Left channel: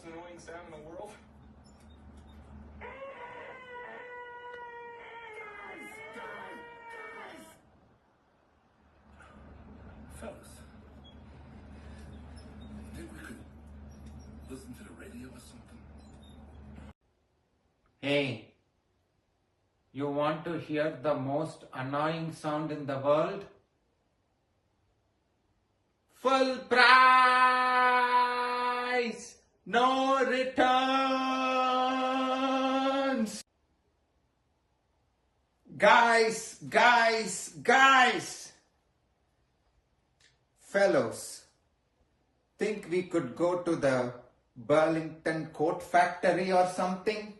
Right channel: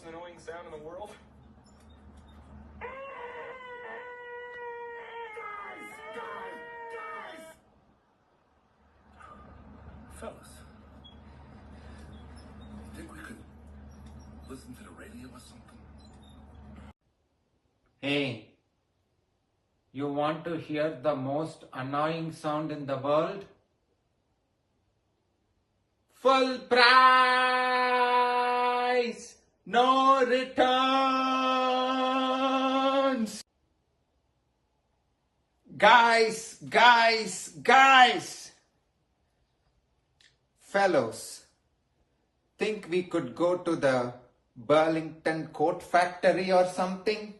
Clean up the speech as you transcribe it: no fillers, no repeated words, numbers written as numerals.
most annoying sound in the world? Fellas, you think we could listen to the radio or something? Hey, you want to hear the most annoying sound in the world? Full price! No returns! Guys! Fellows, think we could go to the Burlington Coat Factory or something?